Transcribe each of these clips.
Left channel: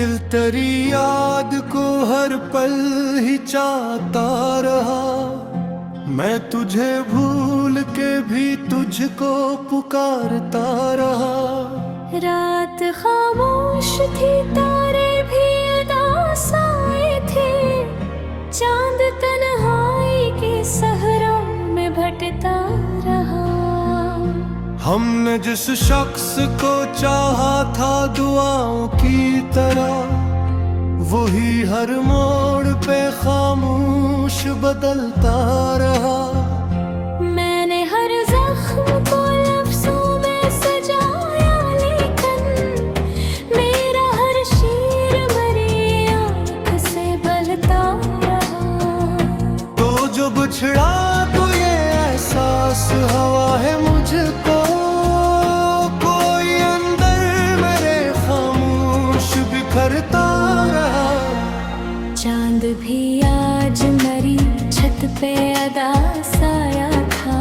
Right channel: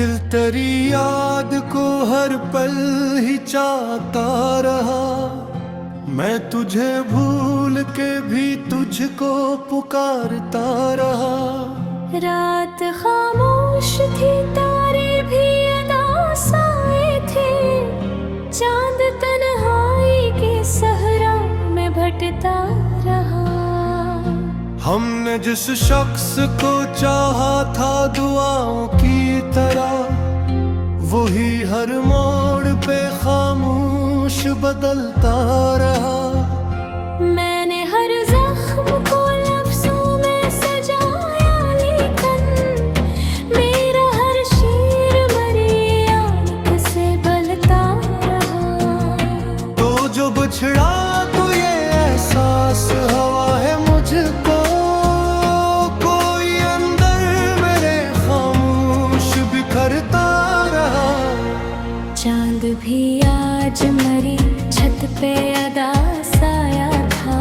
दिल तेरी याद को हर पल ही चाहता रहा। मैं तुझे भूल के भी तुझको पुकारता रहा। रात खामोश थी, तारे भी अदास आए थे। चांद तन्हाई के सहरा में भटकता रहा। हमने जिस शख्स को चाहा था दुआओं की तरह, वही हर मोड़ पे खामोश बदलता रहा। मैंने हर जख्म को लफ्जों में सजाया, लेकिन मेरा हर शेर मरी आंख से बलता रहा। तो जो बिछड़ा तो ये एहसास हवा है मुझको, कोई अंदर मेरे खामोश बिखरता रहा। चांद भी आज मरी छत पे अदास आया था।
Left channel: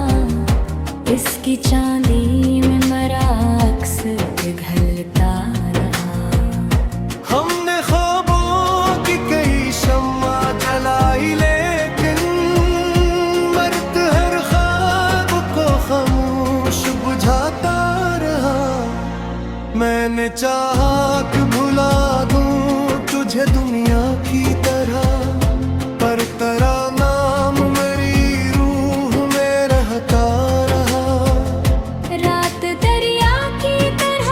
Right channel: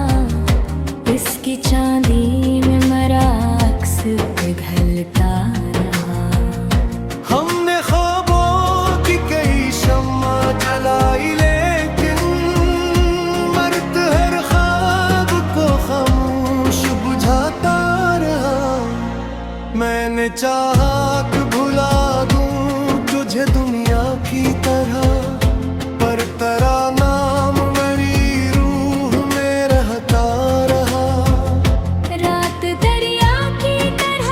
इसकी चांदी में मरा अक्स पिघलता रहा। हमने ख्वाबों की कई शम्मा जलाई, लेकिन मर्द हर ख्वाब को खामोश बुझाता रहा। मैंने चाहा कि भुला दूं तुझे दुनिया की तरह, पर तेरा नाम मेरी रूह में रहता रहा। रात दरिया की तरह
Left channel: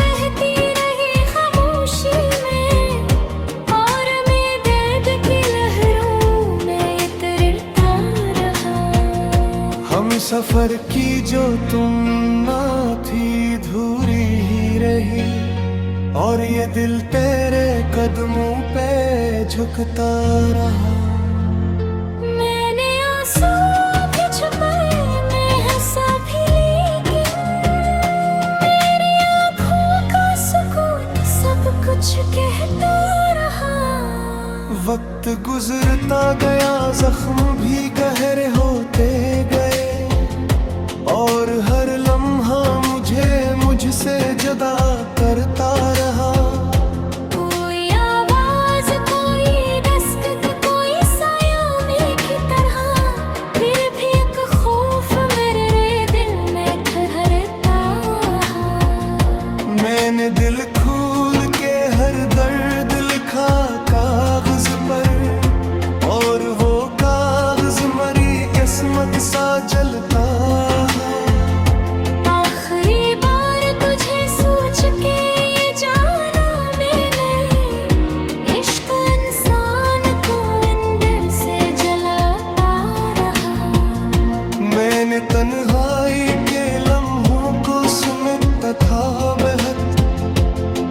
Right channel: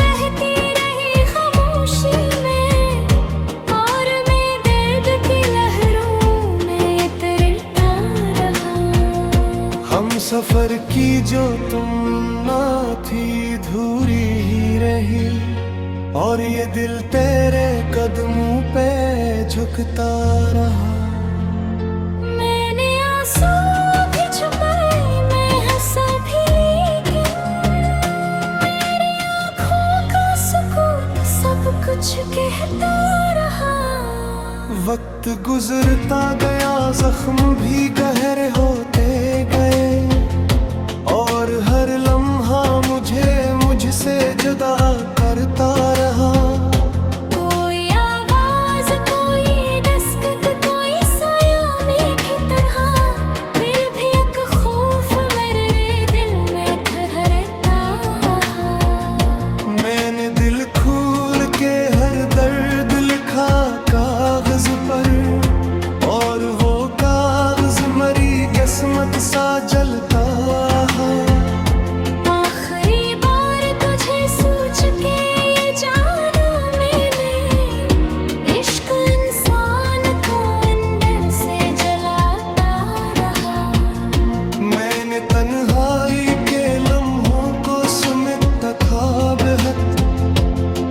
बहती रही खामोशी में, और मैं दर्द की लहरों में तैरता रहा। हम सफर की जो तुम ना थी धूरी ही रही, और ये दिल तेरे कदमों पे झुकता रहा। मैंने आंसू भी छुपाए, मैं हंसा भी, लेकिन मेरी आँखों का सुकून सब कुछ कहता रहा। वक्त गुजरता गया, जख्म भी गहरे होते गए, और हर लम्हा मुझे मुझसे जुदा करता रहा। कोई आवाज, कोई दस्तक, कोई साया में की तरह, फिर भी एक खौफ मेरे दिल में ठहरता रहा। मैंने दिल खोल के हर दर्द लिखा कागज पर, और वो कागज मरी किस्मत सा जलता है। आखिरी बार तुझे सोच के ये जाना मैंने, इश्क इंसान को अंदर से जलाता रहा। मैंने तन्हाई के लम्हों को समेटा था बेहद,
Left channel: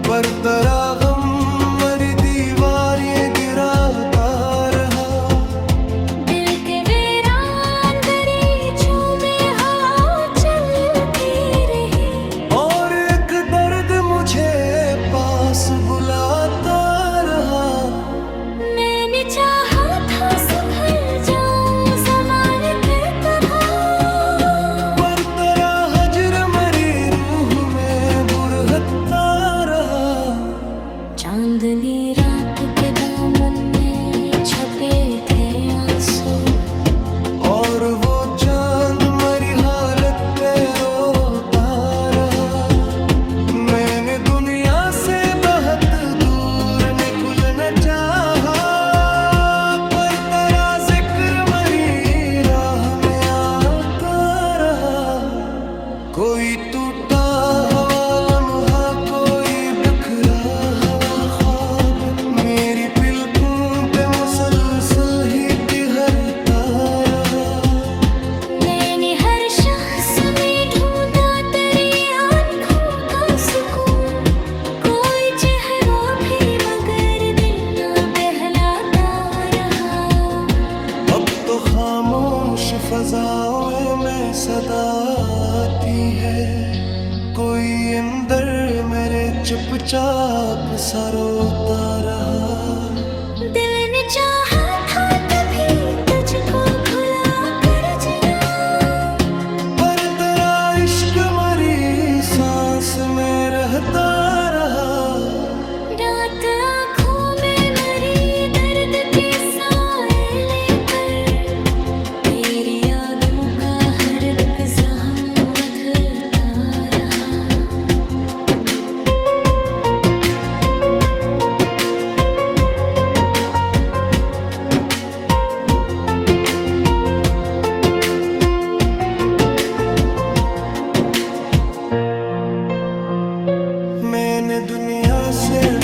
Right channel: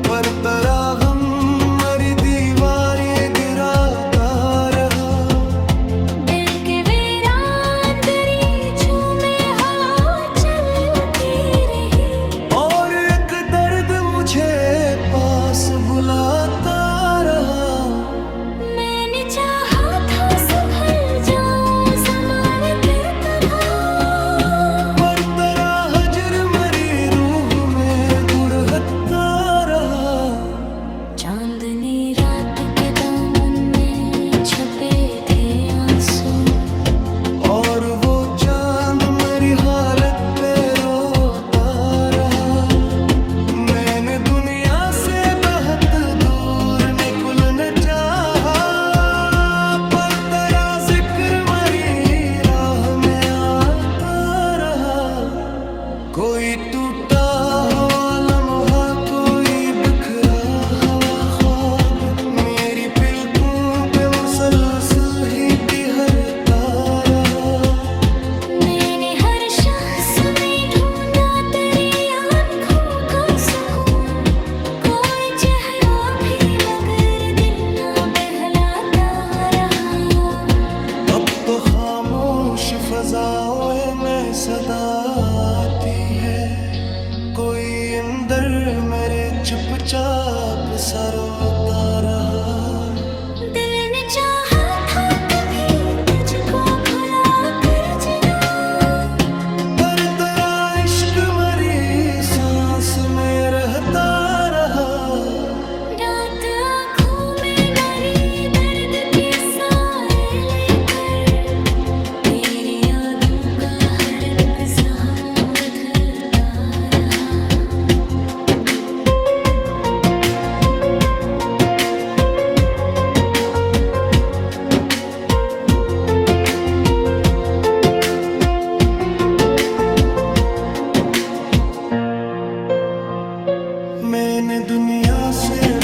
पर तेरा गम मरी दीवार ये गिराता रहा। दिल के वीरान दरीचों में हवा चलती रही, और एक दर्द मुझे पास बुलाता रहा। मैंने चाहा था संभल जाऊं ज़माने की तरह, पर तेरा हजर मरी रूह में बुरहता रहा। चांदनी रात के दामन में छपे थे आंसू, और वो चांद मरी हालत पे रोता रहा। मैंने दुनिया से बहुत दूर निकलना चाहा, पर तेरा जिक्र मरी राह में आता रहा। कोई टूटा हवा लम्हा, कोई बिखरा हवा ख्वाब, मेरी पलकों पे मुसलसल ही ठहरता रहा। मैंने हर शख्स में ढूंढा तेरी आंखों का सुकून, कोई चेहरा भी मगर दिल ना बहलाता रहा। अब तो खामोश फजाओं में सदा आती है, कोई अंदर मेरे चुपचाप सा रोता रहा। दिल ने चाहा था कभी तुझको भुला कर जीना, पर तेरा इश्क मरी सांस में रहता रहा। रात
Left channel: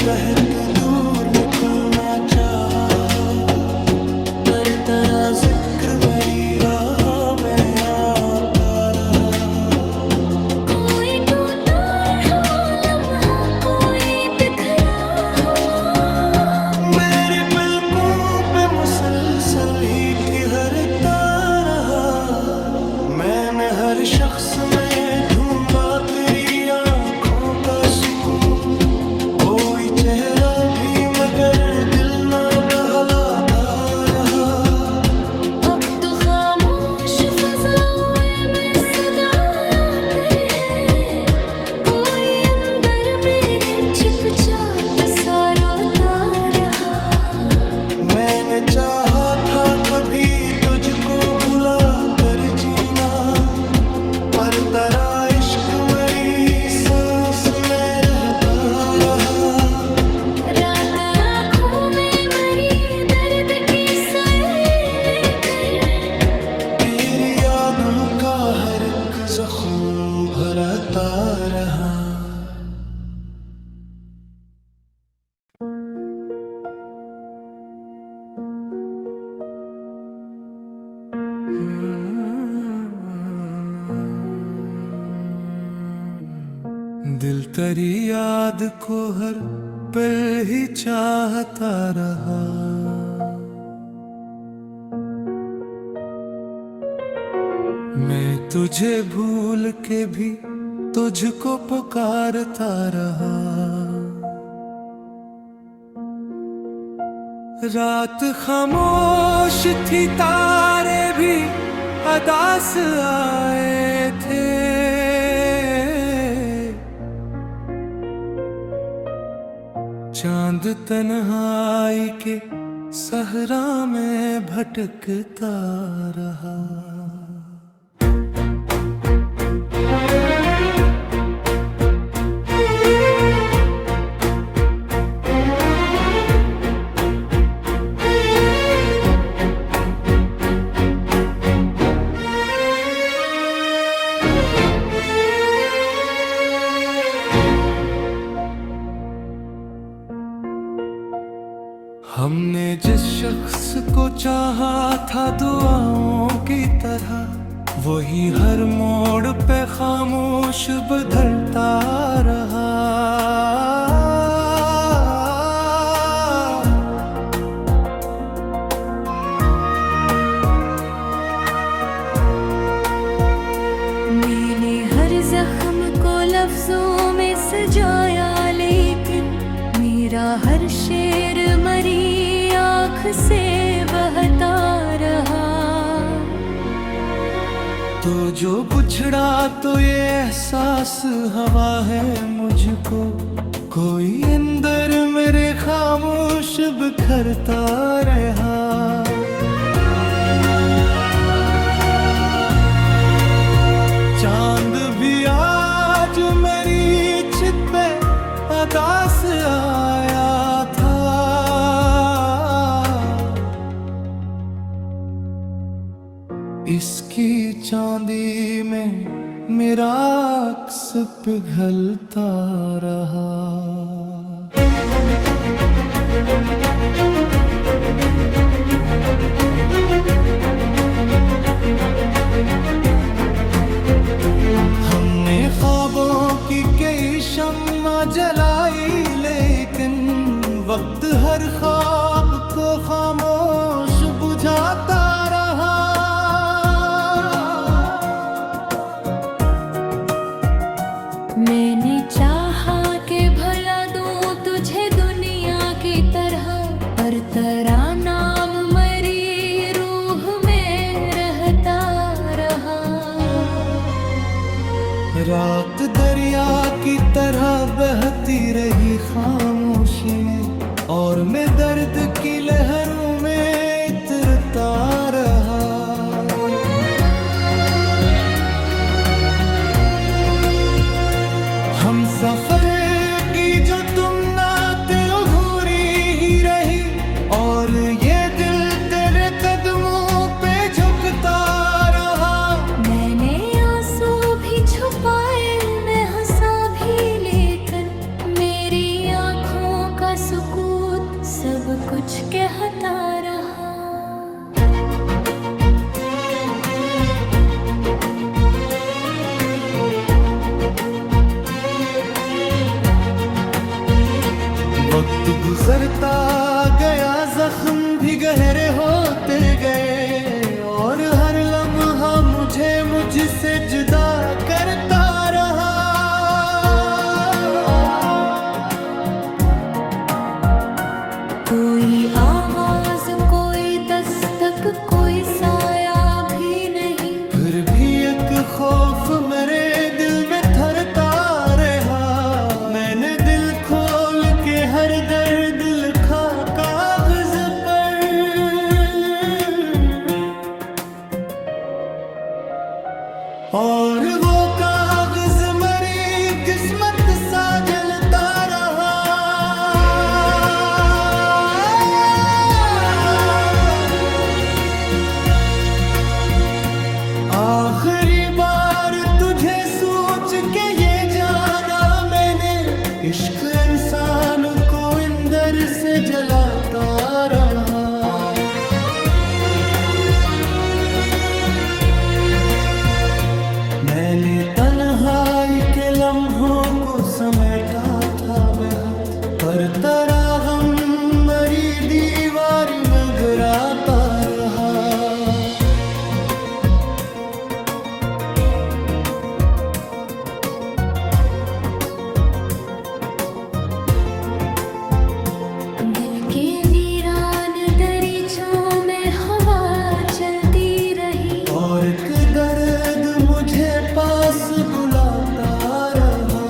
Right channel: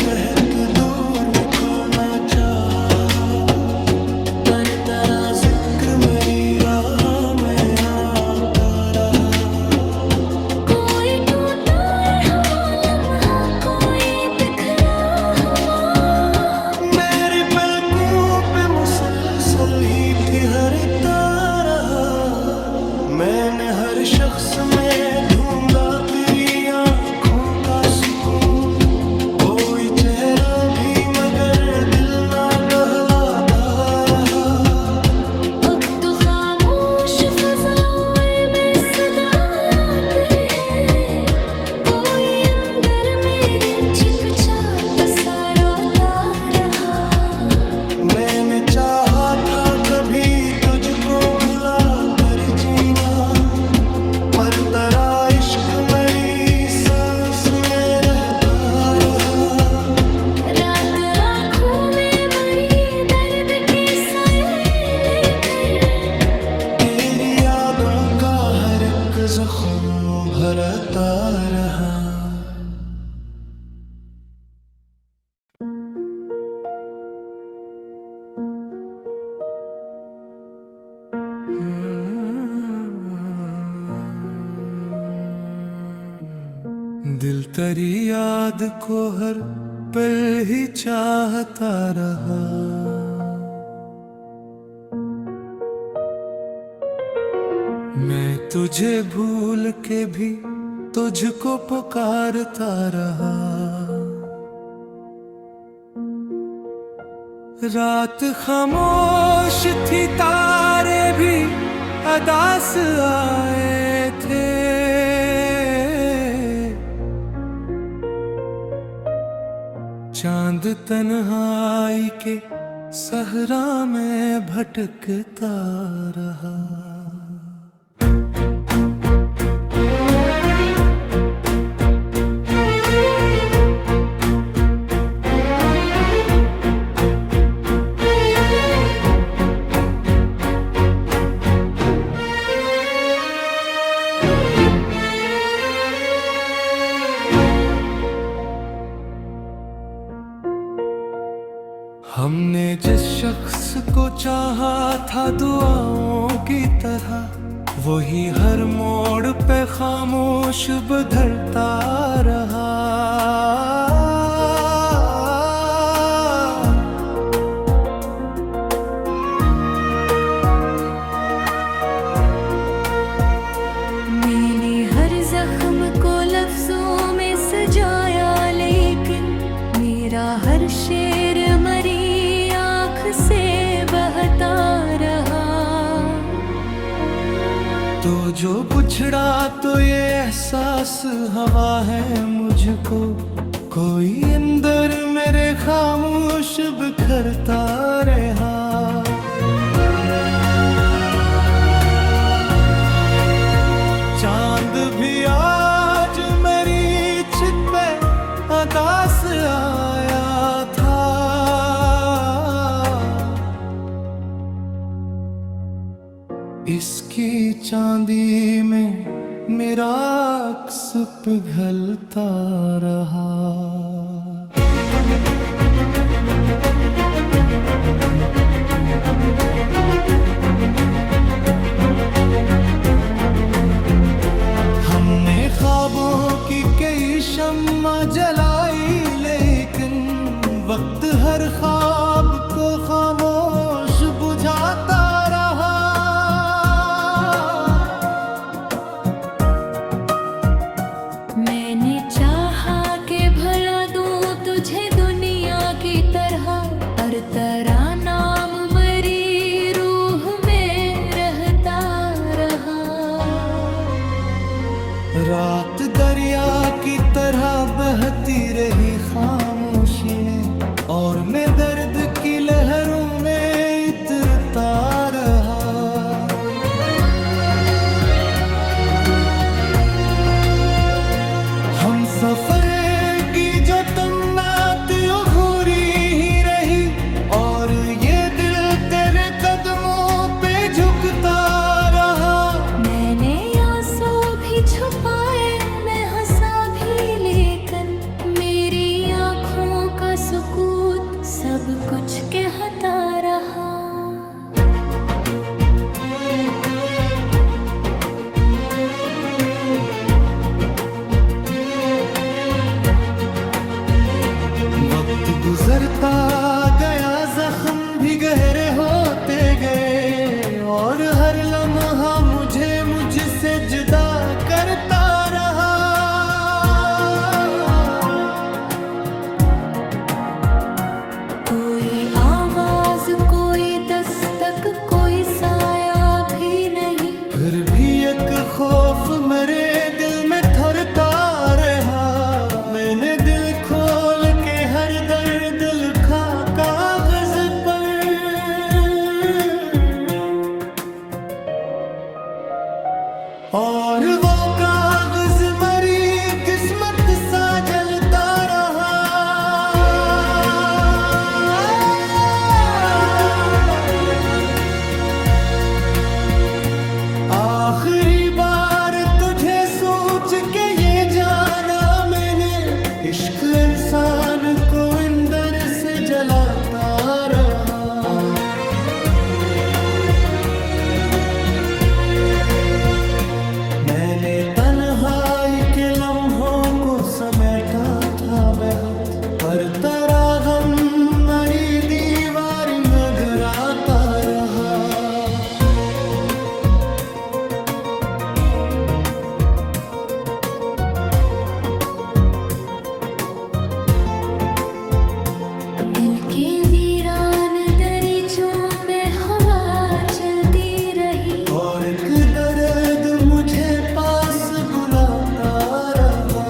बहत दूर निकलना चाहा, पर तेरा जिक्र मेरी राह में आता रहा। कोई टूटा हुआ लम्हा, कोई बिखरा हुआ, मेरी पलकों पे मुसलसल ही ठहरता रहा। मैंने हर शख्स में ढूंढा तेरी आंखों का सुकून, कोई चेहरा भी मगर दिल ना बहलाता रहा। अब तो खामोश फज़ाओं में सदा आती है, कोई अंदर मेरे चुपचाप सा रोता रहा। मैंने चाहा था कभी तुझको भुला कर जीना, पर तेरा इश्क मेरी सांस में रहता रहा। रात आँखों में मरी दर्द के साए लेकर, तेरी यादों का हर एक जख्म भरता रहा। दिल तेरी याद को हर पल ही चाहता रहा। मैं तुझे भूल के भी तुझको पुकारता रहा। रात खामोश थी, तारे भी अदास आए थे। चांद तन्हाई के सहरा में भटकता रहा। हमने जिस शख्स को चाहा था दुआओं की तरह, वही हर मोड़ पे खामोश बदलता रहा। मैंने हर जख्म को लफ्जों में सजाया, लेकिन मेरा हर शेर मरी आँख से बहता रहा। तो जो बुझड़ा तो ये एहसास हवा है मुझको, कोई अंदर मेरे खामोश बिखरता रहा। चांद भी आज मेरी छित पे अदास आया था। इसकी चांदी में मेरा अक्स पिघलता रहा। हमने ख्वाबों की कई शम्मा जलाई, लेकिन वक्त हर ख्वाब को खामोश बुझाता रहा। मैंने चाहा कि भला दूं तुझे दुनिया की तरह, पर तेरा नाम मरी रूह में रहता रहा। रात दरिया की तरह बहती रही खामोशी में, और मैं दर्द की लहरों में इतरता रहा। हम सफर की जो तुम ना दिल घूरी ही रही, और ये दिल तेरे कदमों पे झुकता रहा। मैंने आंसू भी छुपाए, मैं हंसा भी, लेकिन मेरी आँखों का सब कुछ कहता रहा। वक्त गुजरता गया, जख्म भी गहरे होते गए, और हर लम्हा मुझे मुझसे जुदा करता रहा। कोई आवाज, कोई दस्तक, कोई साया भी नहीं, फिर भी एक खौफ मेरे दिल में थरता रहा। मैंने दिल खोल के हर दर्द लिखा कागज पर, और वो कागज मरी किस्मत सा जलता रहा। आखिरी बार तुझे सोच के ये जाना मैंने, इश्क इंसान को अंदर से जलाता रहा। मैंने तन्हाई के लम्हों को समेटा था बेहद, पर तरागम मरी दीवारियां गिराता रहा। के वीरान दरीचों में हवा चलती रही, और एक दर्द मुझे पास बुलाता रहा।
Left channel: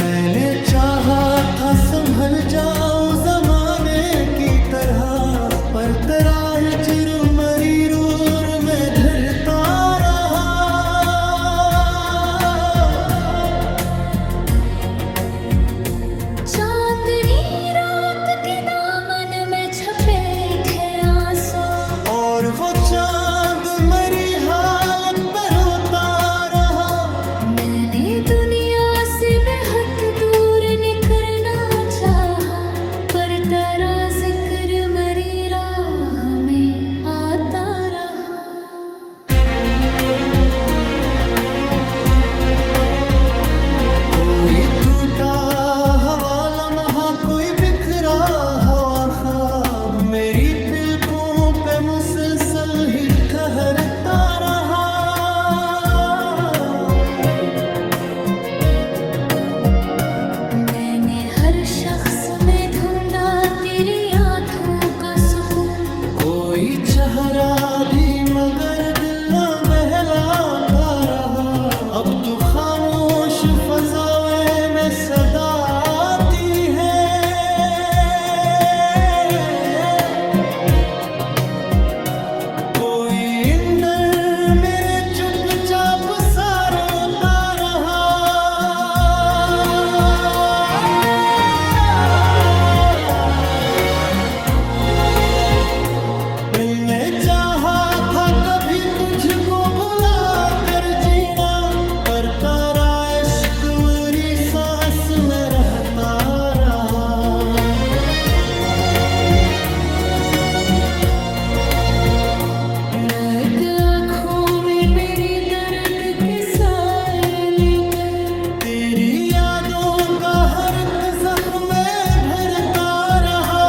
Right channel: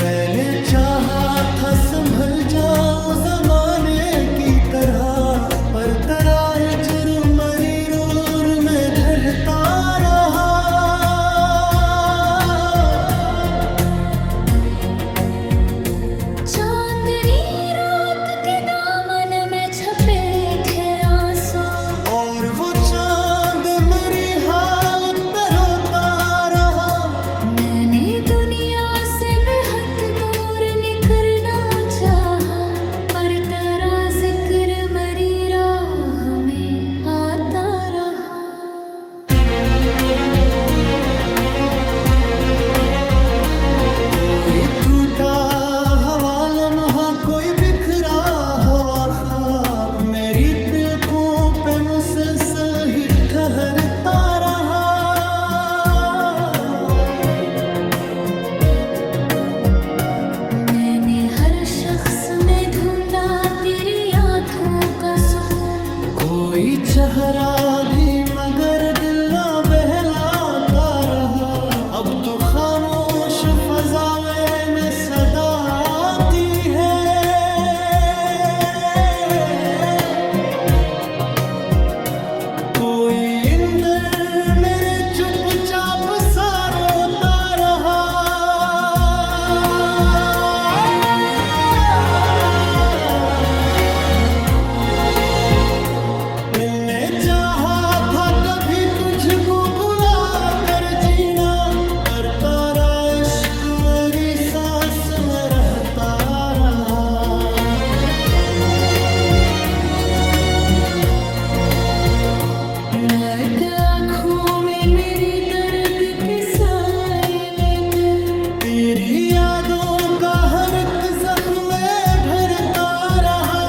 मैंने चाहा था संभल जाऊं जमाने की तरह, पर तेरा हिज्र मरी रूर में धरता रहा। चांदनी रात के दामन में छपे थे आंसू, और वो चांद मरी हालत पे रोता रहा। मैंने दुनिया से बेहद दूर निकलना चाहा, पर तेरा जिक्र मरी राह में आता रहा। कोई टूटा हवा लम्हा, कोई बिखरा हवा ख्वाब, मेरी पलकों पे मुसलसल ही ठहरता रहा। मैंने हर शख्स में ढूंढा तेरी आँखों का सुकून, कोई चेहरा भी मगर दिल ना बहलाता रहा। अब तो खामोश फजावे में सदा आती है, कोई इंदर मेरे चुपचाप सा रोता रहा। मिलने चाहा था कभी तुझको भुला कर जीना, पर तेरा इश्क मेरी सांस में रहता रहा। रग आँखों में मेरी दर्द के साए लेकर, तेरी यादों का हर एक जख्म में भरता रहा।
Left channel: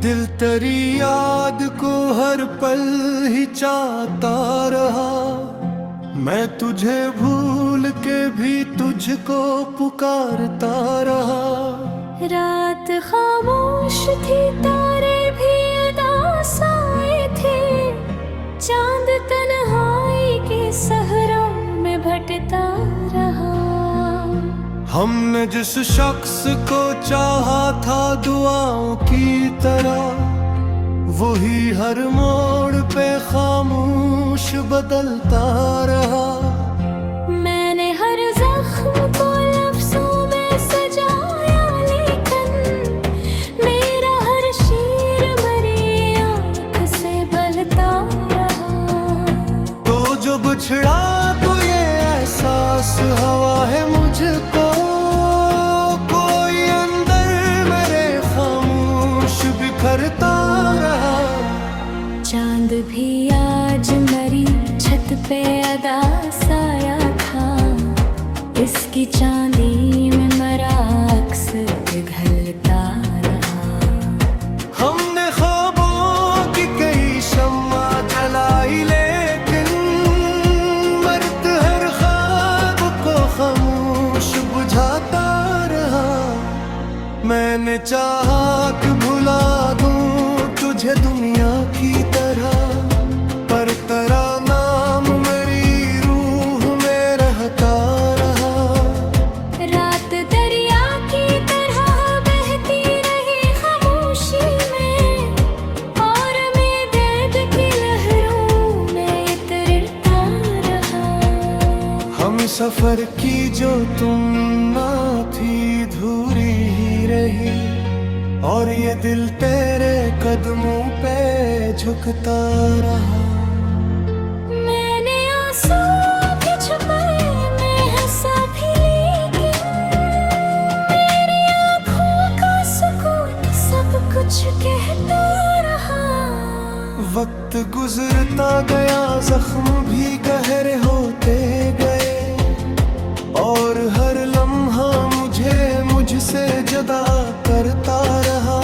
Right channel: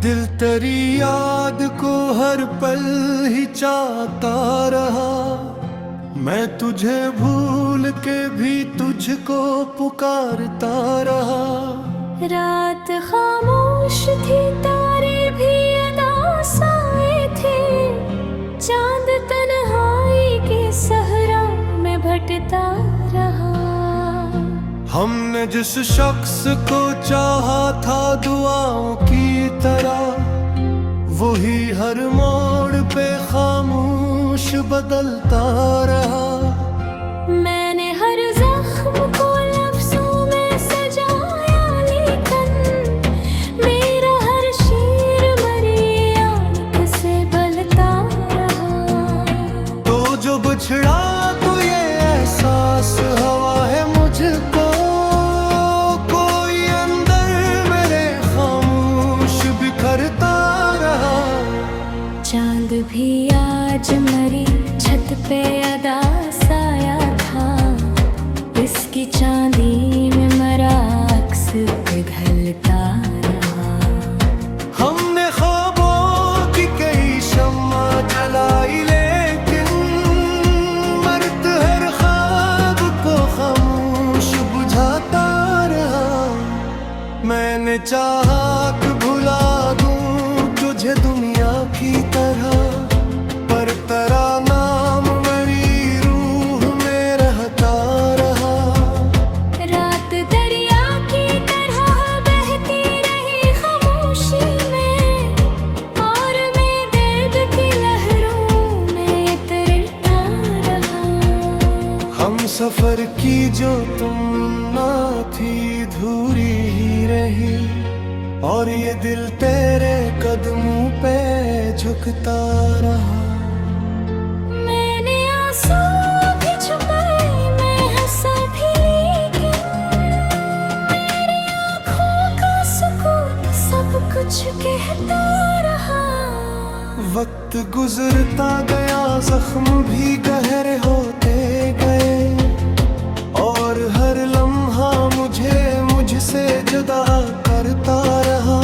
दिल तेरी याद को हर पल ही चाहता रहा। मैं तुझे भूल के भी तुझको पुकारता रहा। रात खामोश थी, तारे भी अदा साए थे, चांद तन्हाई के सहरा में भटता रहा। हमने जिस शख्स को चाहा था दुआओं की तरह, वही हर मोड़ पे खामोश बदलता रहा। मैंने हर जख्म को लफ्जों में सजाया, लेकिन मेरा हर शेर मरी आंख से बलता रहा। तो जो बिछड़ा तो ये एहसास हवा है मुझको, कोई अंदर मेरे खामोश बिखरता रहा। चांद भी आज मरी छत पे अदा साया था, इसकी चांदी में मरा अक्स पिघलता रहा। हमने ख्वाबों की कई शम्मा जलाई, लेकिन मर्द हर ख्वाब को खामोश बुझाता रहा। मैंने चाहा कि भुला दूं तुझे दुनिया की तरह, पर तेरा नाम मेरी रूह में रहता रहा। रात दरिया की तरह बहती रही खामोशी में, और मैं दर्द की लहरों में तैरता रहा। हम सफर की जो तुम ना थी धूरी ही रही, और ये दिल तेरे कदमों पे झुकता रहा। मैंने आंसू भी छुपाए, मैं हंसा भी, लेकिन मेरी आँखों का सुकून सब कुछ कहता रहा। वक्त गुजरता गया, जख्म भी गहरे होते गए, और हर लम्हा मुझसे जुदा करता रहा।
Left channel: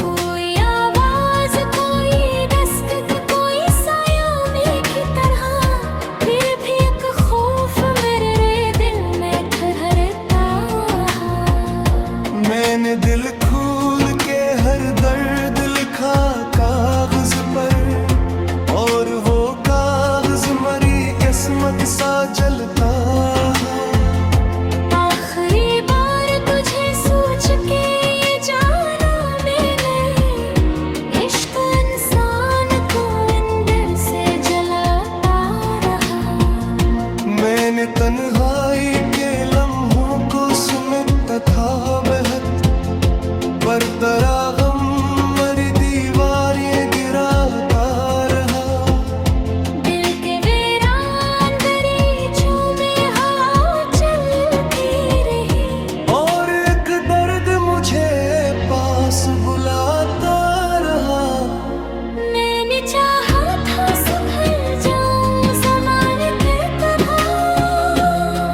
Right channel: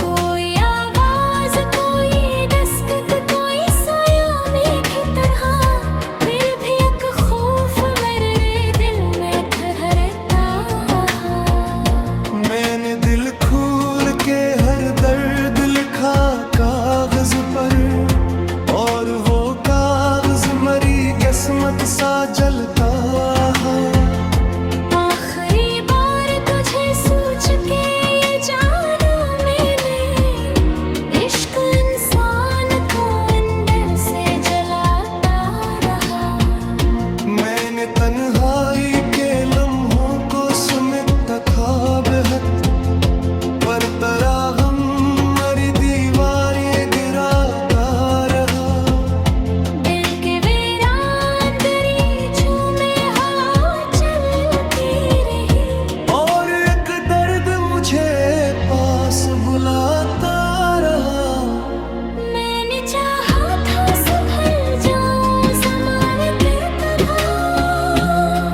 कोई आवाज, कोई दस्तक, कोई साया में की तरह, फिर भी एक खौफ मेरे दिल में ठहरता रहा। मैंने दिल खोल के हर दर्द लिखा कागज पर, और वो कागज मरी किस्मत सा जलता है। आखिरी बार तुझे सोच के ये जाना मैंने, इश्क इंसान को अंदर से जलाता रहा। मैंने तन्हाई के लम्हों को समेटा था बेहद, पर तेरा गम मरी दीवार ये गिराता रहा। दिल के वीरान दरीचों में हवा चलती रही, और एक दर्द मुझे पास बुलाता रहा। मैंने चाहा था संभल जाऊं ज़माने की तरह,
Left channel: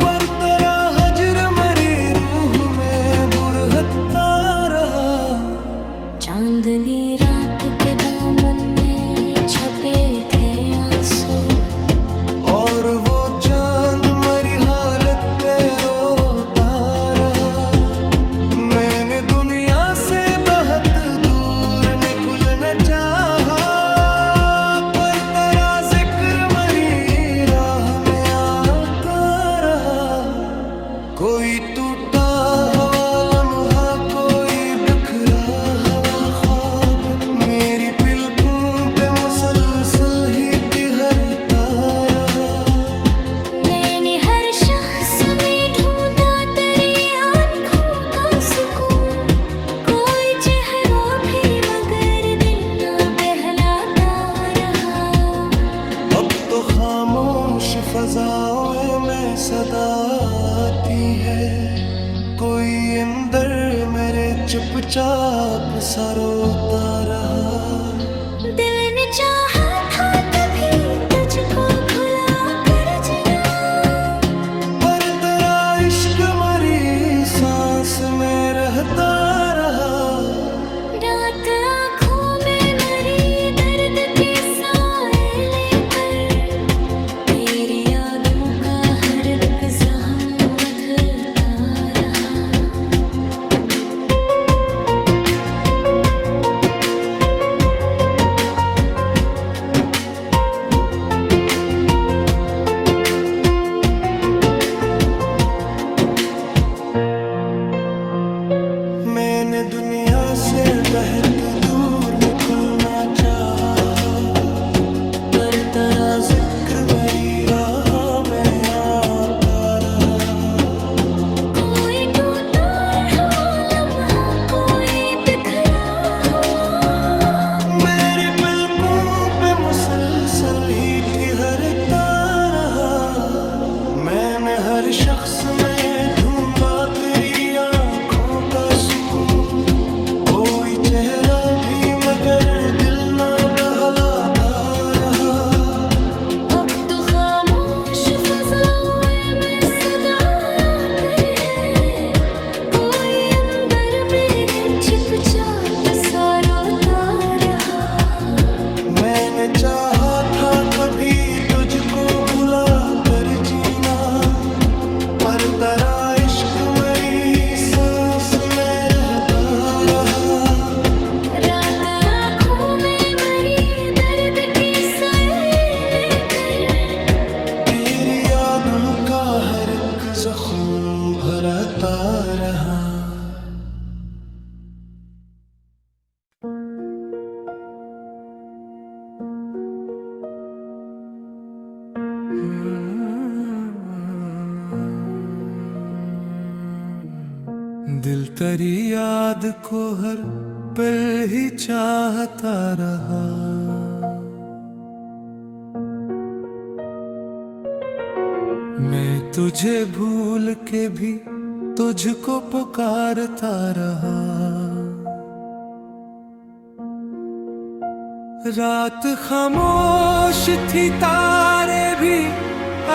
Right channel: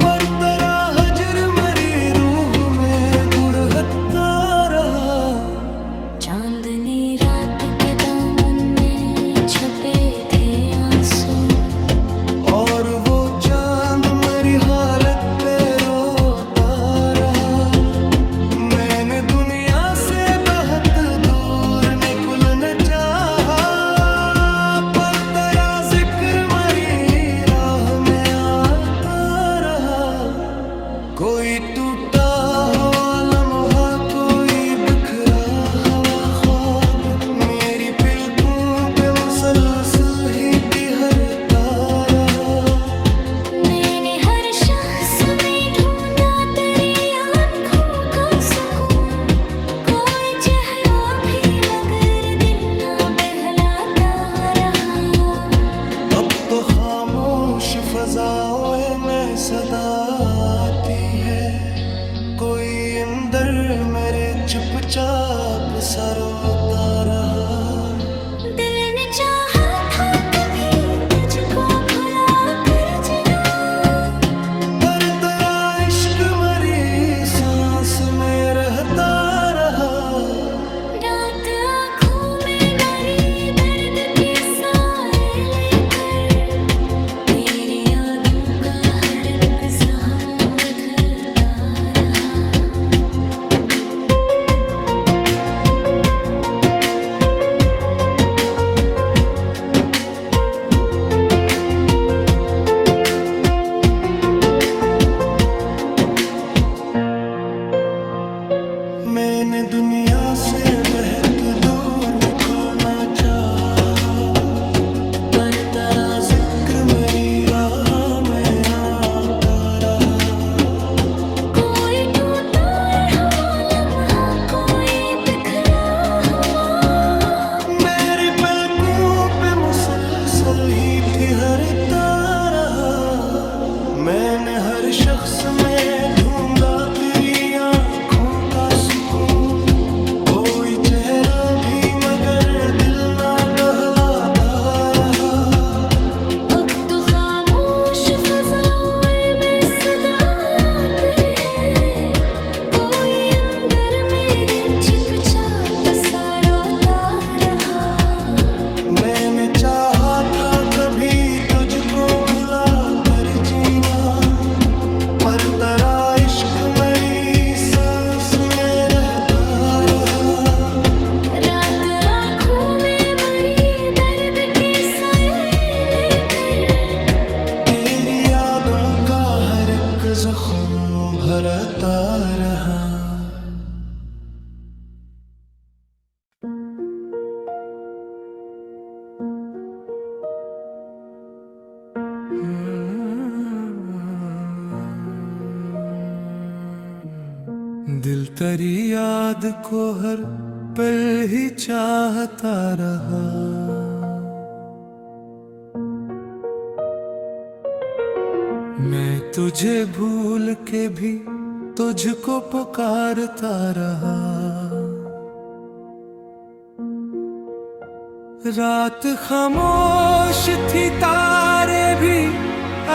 पर तेरा हजर मरी रूह में बुरहता रहा। चांदनी रात के दामन में छपे थे आंसू, और वो चांद मरी हालत पे रोता रहा। मैंने दुनिया से बहुत दूर निकलना चाहा, पर तेरा जिक्र मरी राह में आता रहा। कोई टूटा हवा लम्हा, कोई बिखरा हवा ख्वाब, मेरी पलकों पे मुसलसल ही ठहरता रहा। मैंने हर शख्स में ढूंढा तेरी आंखों का सुकून, कोई चेहरा भी मगर दिल ना बहलाता रहा। अब तो खामोश फजाओं में सदा आती है, कोई अंदर मेरे चुपचाप सा रोता रहा। दिल ने चाहा था कभी तुझको भुला कर जीना, पर तेरा इश्क मरी सांस में रहता रहा। रात आँखों में मरी दर्द के साए लेकर, तेरी यादों का हर एक जख्म बदलता रहा। से बहत दूर निकलना चाहा, पर तेरा जिक्र मेरी राह में आता रहा। कोई टूटा हुआ लम्हा, कोई बिखरा हुआ, मेरी पलकों पे मुसलसल ही ठहरता रहा। मैंने हर शख्स में ढूंढा तेरी आँखों का सुकून, कोई चेहरा भी मगर दिल ना बहलाता रहा। अब तो खामोश फज़ाओं में सदा आती है, कोई अंदर मेरे चुपचाप सा रोता रहा। मैंने चाहा था कभी तुझको भुला कर जीना, पर तेरा इश्क मेरी सांस में रहता रहा। रात आँखों में मरी दर्द के साए लेकर, तेरी यादों का हर एक जख्म भरता रहा। दिल तेरी याद को हर पल ही चाहता रहा। मैं तुझे भूल के भी तुझको पुकारता रहा। रात खामोश थी, तारे भी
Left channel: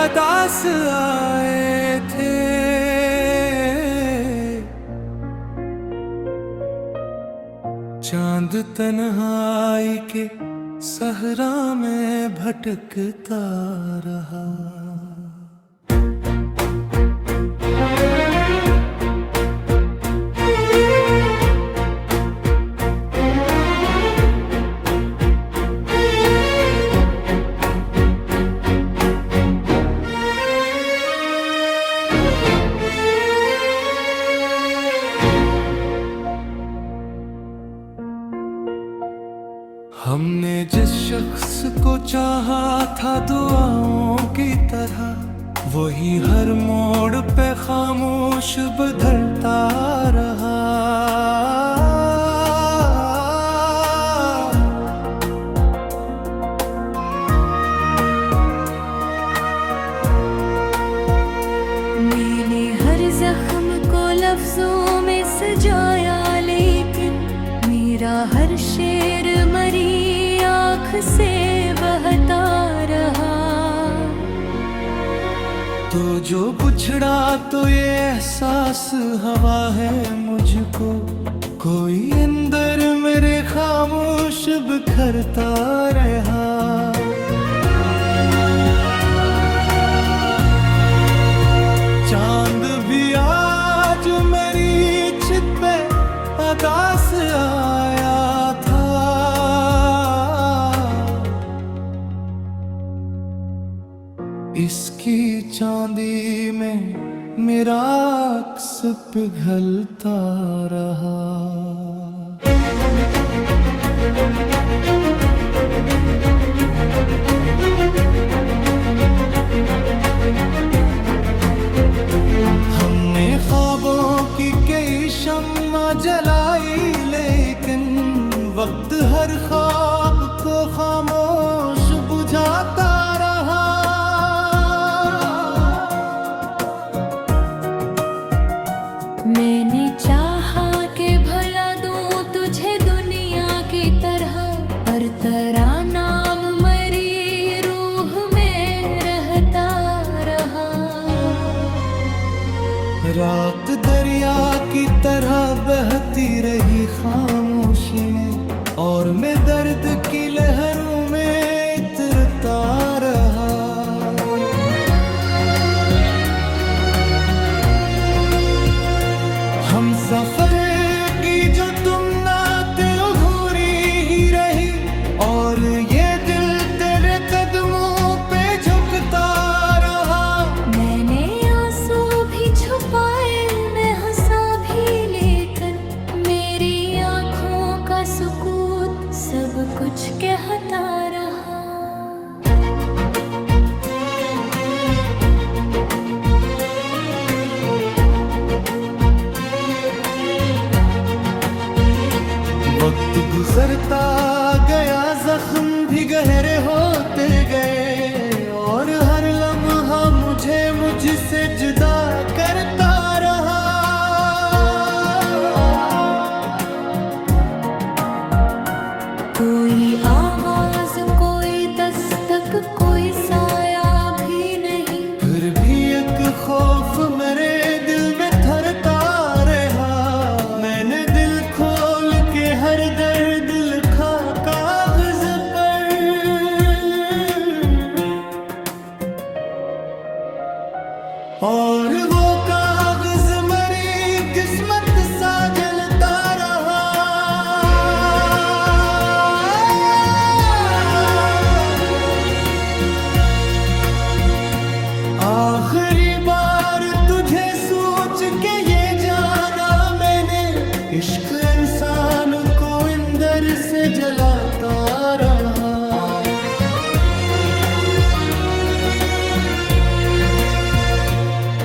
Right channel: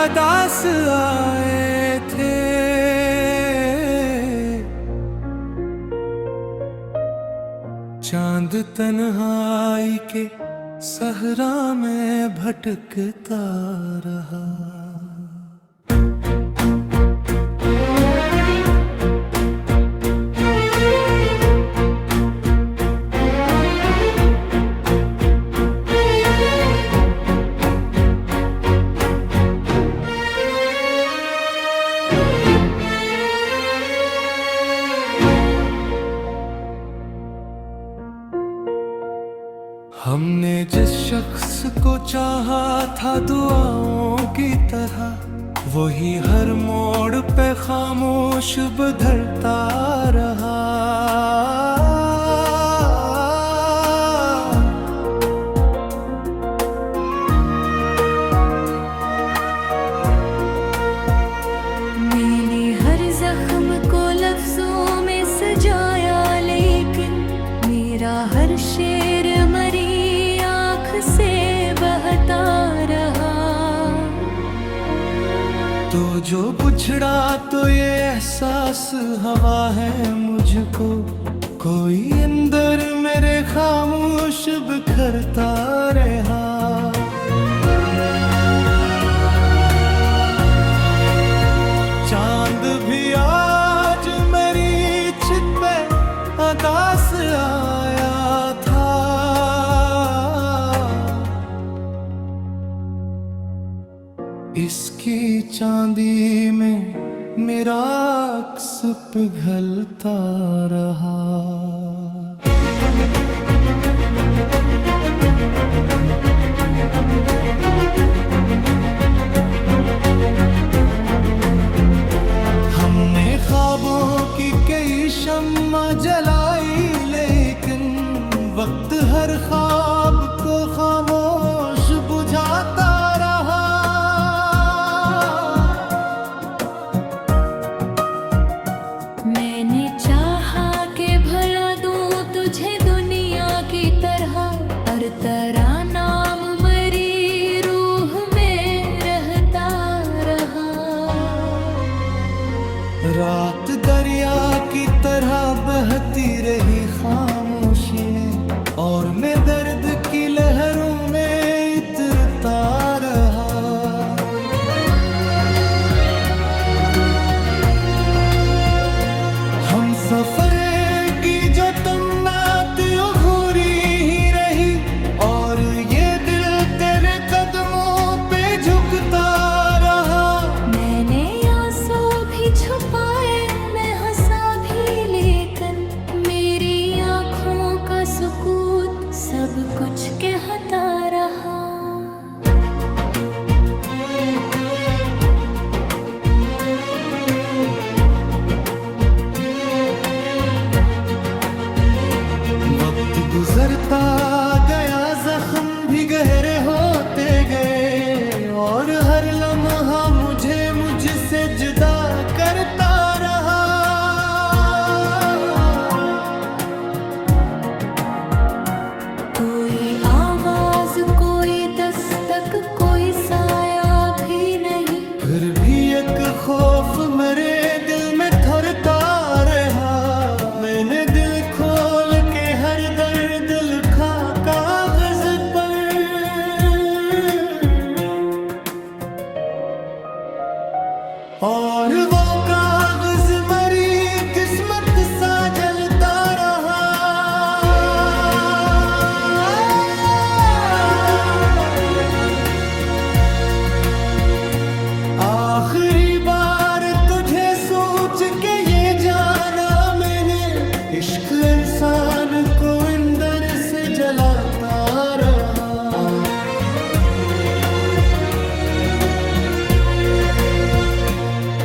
अदास आए थे। चांद तन्हाई के सहरा में भटकता रहा। हमने जिस शख्स को चाहा था दुआओं की तरह, वही हर मोड़ पे खामोश बदलता रहा। मैंने हर जख्म को लफ्जों में सजाया, लेकिन मेरा हर शेर मरी आँख से बहता रहा। तो जो बुझड़ा तो ये एहसास हवा है मुझको, कोई अंदर मेरे खामोश बिखरता रहा। चांद भी आज मेरी छित पे आकाश आया था। इसकी चांदी में मेरा अक्स पिघलता रहा। हमने ख्वाबों की कई शम्मा जलाई, लेकिन वक्त हर ख्वाब को खामोश बुझाता रहा। मैंने चाहा कि भला दूं तुझे दुनिया की तरह, पर तेरा नाम मरी रूह में रहता रहा। रात दरिया की तरह बहती रही खामोशी में, और मैं दर्द की लहरों में इतरता रहा। हम सफर की जो तुम ना दिल घूरी ही रही, और ये दिल तेरे कदमों पे झुकता रहा। मैंने आंसू भी छुपाए, मैं हंसा भी, लेकिन मेरी आँखों सब कुछ कहता रहा। वक्त गुजरता गया, जख्म भी गहरे होते गए, और हर लम्हा मुझे मुझसे जुदा करता रहा। कोई आवाज, कोई दस्तक, कोई साया भी नहीं, फिर भी एक खौफ मेरे दिल में थरता रहा। मैंने दिल खोल के हर दर्द लिखा कागज पर, और वो कागज मरी किस्मत सा जलता रहा। आखिरी बार तुझे सोच के ये जाना मैंने, इश्क इंसान को अंदर से जलाता रहा।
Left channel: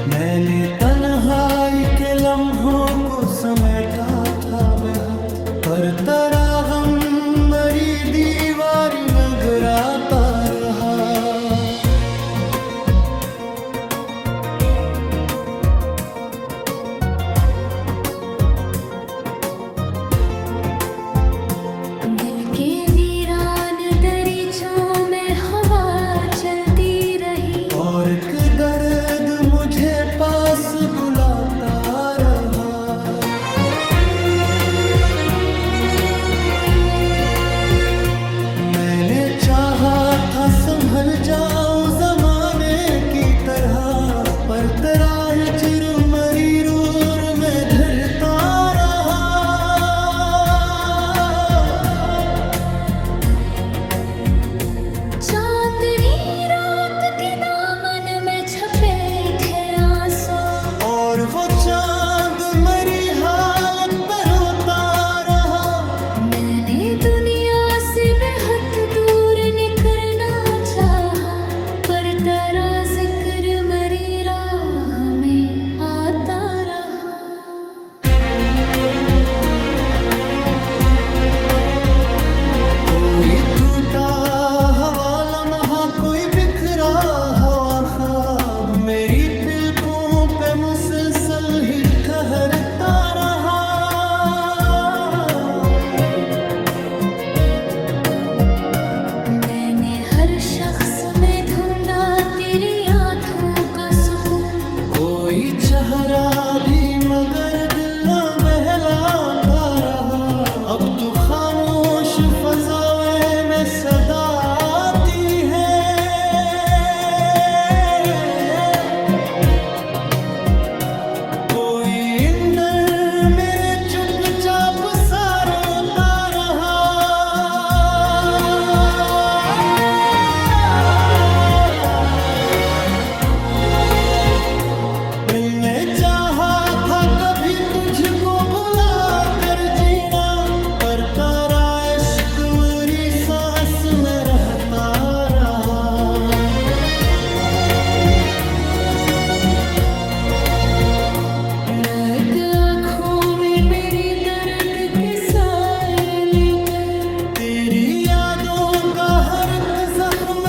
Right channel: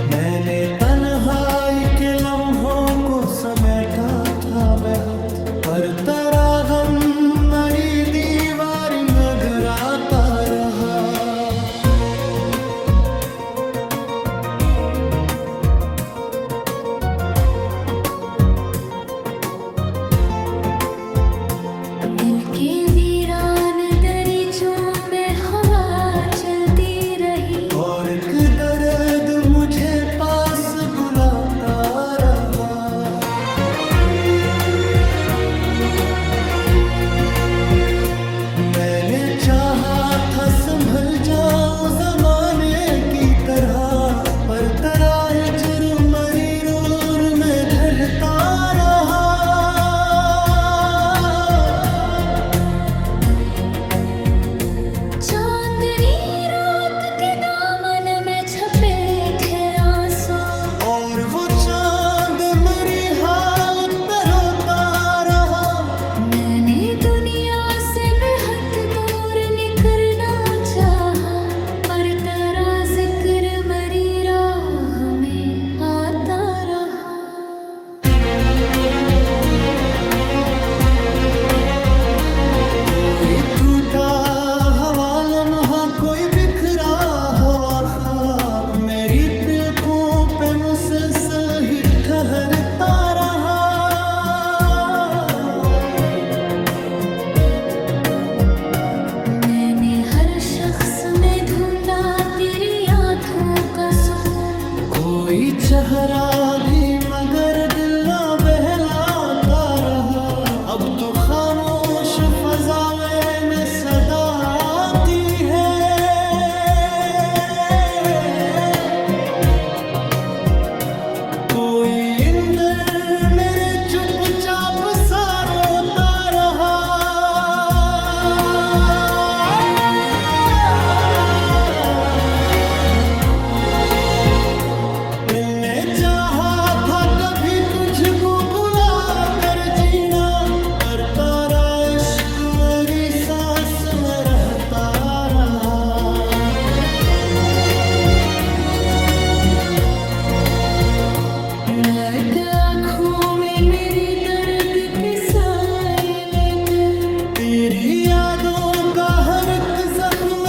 मैंने तन्हाई के लम्हों को समेटा था बेहद, हर तरह गम मरी दीवारियां गिराता रहा। के वीरान दरीचों में हवा चलती रही, और एक दर्द मुझे पास बुलाता रहा। मैंने चाहा था संभल जाऊं जमाने की तरह, पर तेरा हिज्र मरी रूर में धड़ता रहा। चांदनी रात के दामन में छपे थे आंसू, और वो चांद मरी हालत पे रोता रहा। मैंने दुनिया से बेहद दूर निकलना चाहा, पर तेरा जिक्र मरी राह में आता रहा। कोई टूटा हवा लम्हा, कोई बिखरा हवा ख्वाब, मेरी पलकों पे मुसलसल ही ठहरता रहा। मैंने हर शख्स में ढूंढा तेरी आँखों का सुकून, कोई चेहरा भी मगर दिल ना बहलाता रहा। अब तो खामोश फजावे में सदा आती है, कोई इंदर मेरे चुपचाप सा रोता रहा। मिलने चाहा था कभी तुझको भुला कर जीना, पर तेरा इश्क मेरी सांस में रहता रहा। नक आँखों में मेरी दर्द के साए लेकर, तेरी यादों का हर एक जख्म